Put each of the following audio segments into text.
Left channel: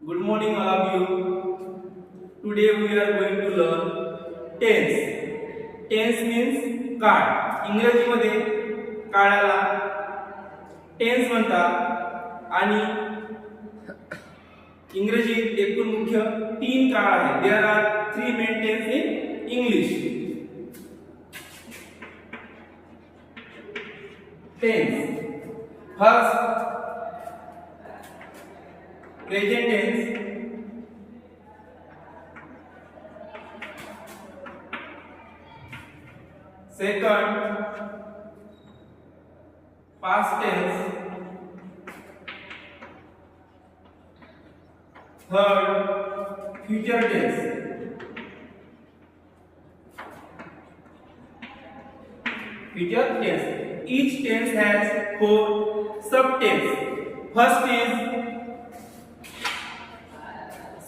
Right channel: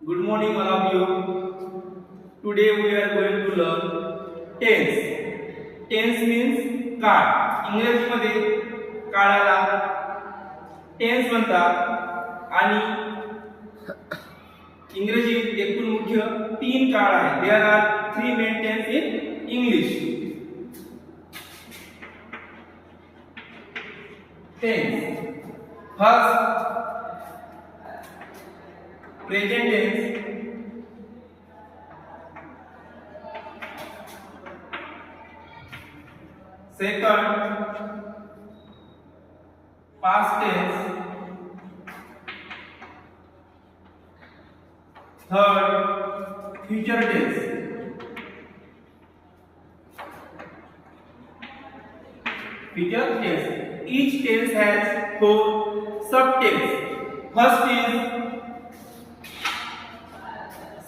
Good morning, all of you. Today we are going to learn tense. Tense means काळ. इंग्रजीमध्ये काळाला टेन्स म्हणतात आणि इंग्रजीत एकूण मुख्य 3 काळ आहेत. There are 3 main tense in English. Tense. First, present tense. Second, past tense. Third, future tense. Future tense. Each tense has 4 subtense. First is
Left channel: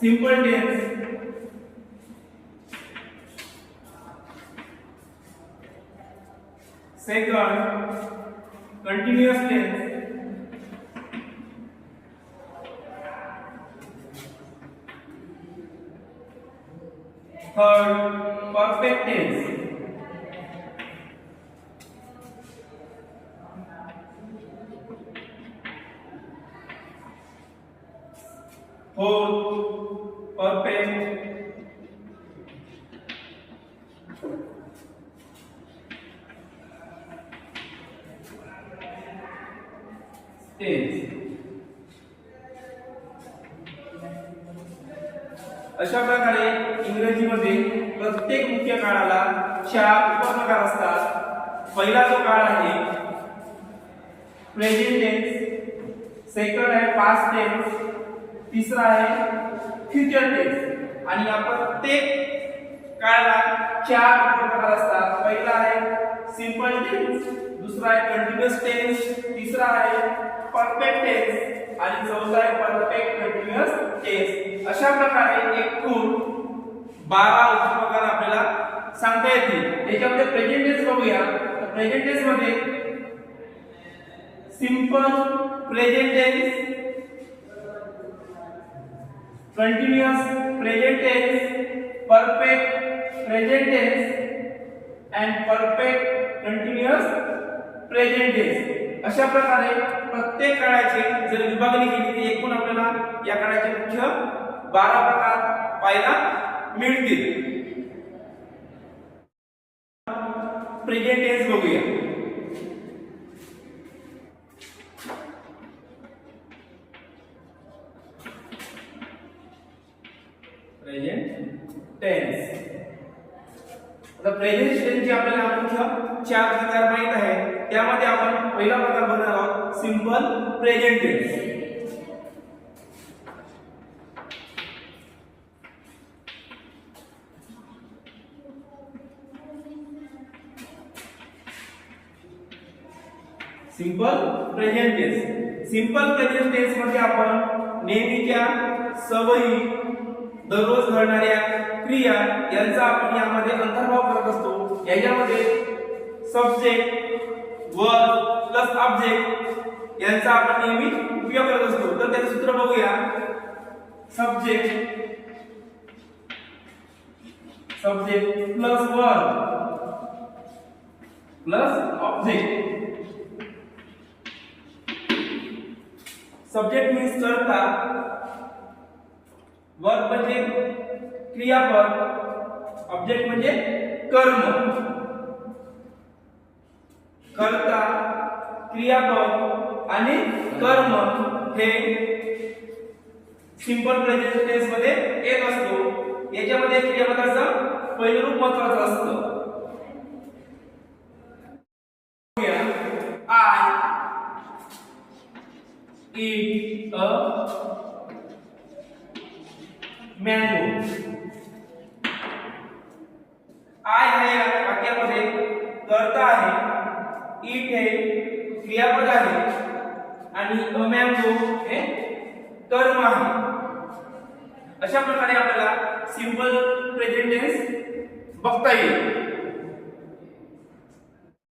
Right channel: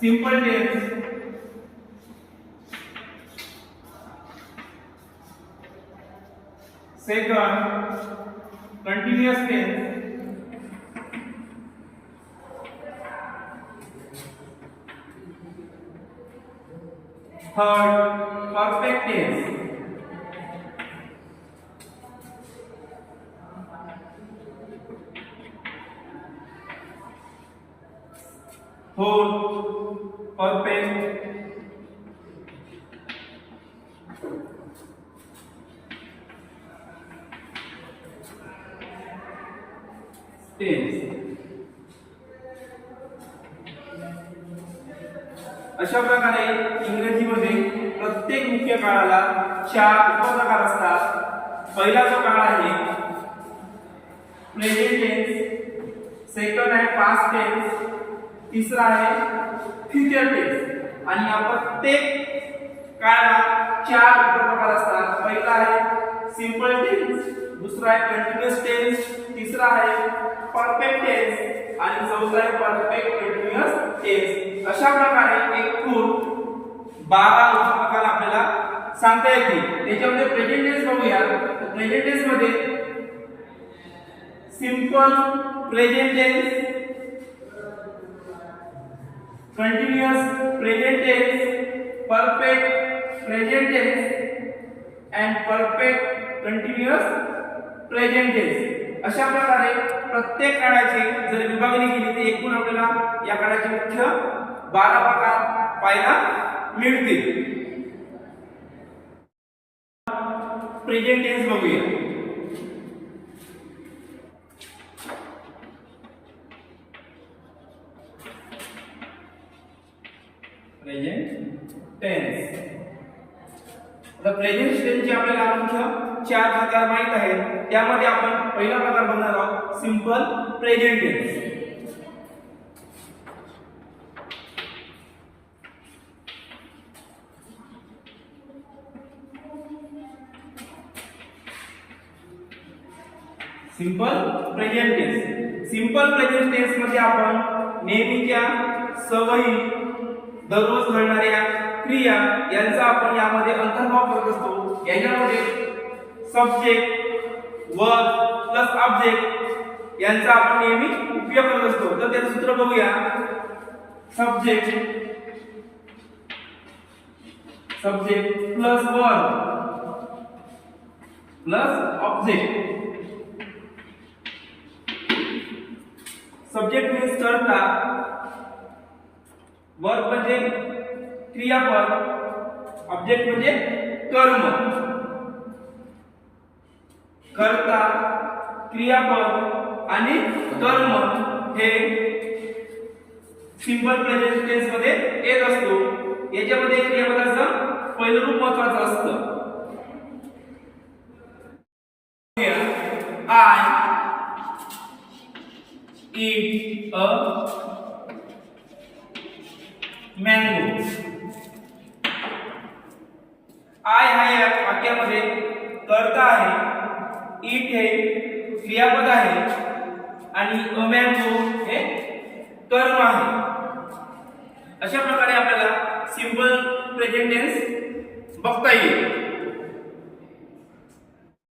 simple tense. Second, continuous tense. Third, perfect tense. Fourth, perfect tense. अशा प्रकारे इंग्रजीमध्ये प्रत्येक मुख्य काळाला 4 उपप्रकार असतात. पहिला जो काळ आहे प्रेझेंट टेन्स, सेकंड आहे पास्ट टेन्स, तिसरा आहे फ्युचर टेन्स. आणि या प्रत्येक काळाला 4 उपप्रकार असतात. पहिला आहे सिंपल टेन्स, दुसरा आहे कंटिन्युअस टेन्स, तिसरा आहे परफेक्ट टेन्स आणि चौथा आहे परफेक्ट कंटिन्युअस टेन्स. अशा प्रकारे एकूण 12 उपप्रकार आपल्याला सांगता येतील. त्याच्यामध्ये प्रेझेंट टेन्स बघूया. तर प्रेझेंट टेन्स मध्ये simple present tense, continuous present tense, perfect present tense and perfect continuous present tense. अशा प्रकारे प्रत्येक काळाची जर विभागणी केली तर एकूण आपल्याला या काळाचे मुख्य 12 प्रकार पाहायला मिळतील. प्रेझेंट टेन्स बघूया. Present tense. आता प्रेझेंट टेन्सचे आपल्याला मुख्य 4 प्रकार माहित आहेत. त्यामध्ये आपण पहिला प्रकार बघणार आहोत simple present tense. Simple present tense. Simple present tense मध्ये आपण नेहमीच्या सवयी, दररोज घडणाऱ्या क्रिया यांचा आपण यामध्ये अंतर्भाव करत असतो. याच्यामध्ये सब्जेक्ट, वर्ब प्लस ऑब्जेक्ट यांचा आपण नेहमी उपयोग करत असतो. तर त्याचं सूत्र बघूया. Subject plus verb plus object. Subject means कर्ता, वर्ब म्हणजे क्रियापद, ऑब्जेक्ट म्हणजे कर्म. कर्ता, क्रियापद आणि कर्म हे सिंपल प्रेझेंट टेन्स मध्ये येत असतो. याच्यामध्ये क्रियापदाचं पहिलं रूप महत्त्वाचं असतं. आय eat a mango. आय हा या वाक्यामध्ये कर्ता आहे, eat हे क्रियापद आहे आणि a mango हे कर्म आहे. अशा प्रकारे आपल्याला सिंपल प्रेझेंट टेन्स बघता येईल.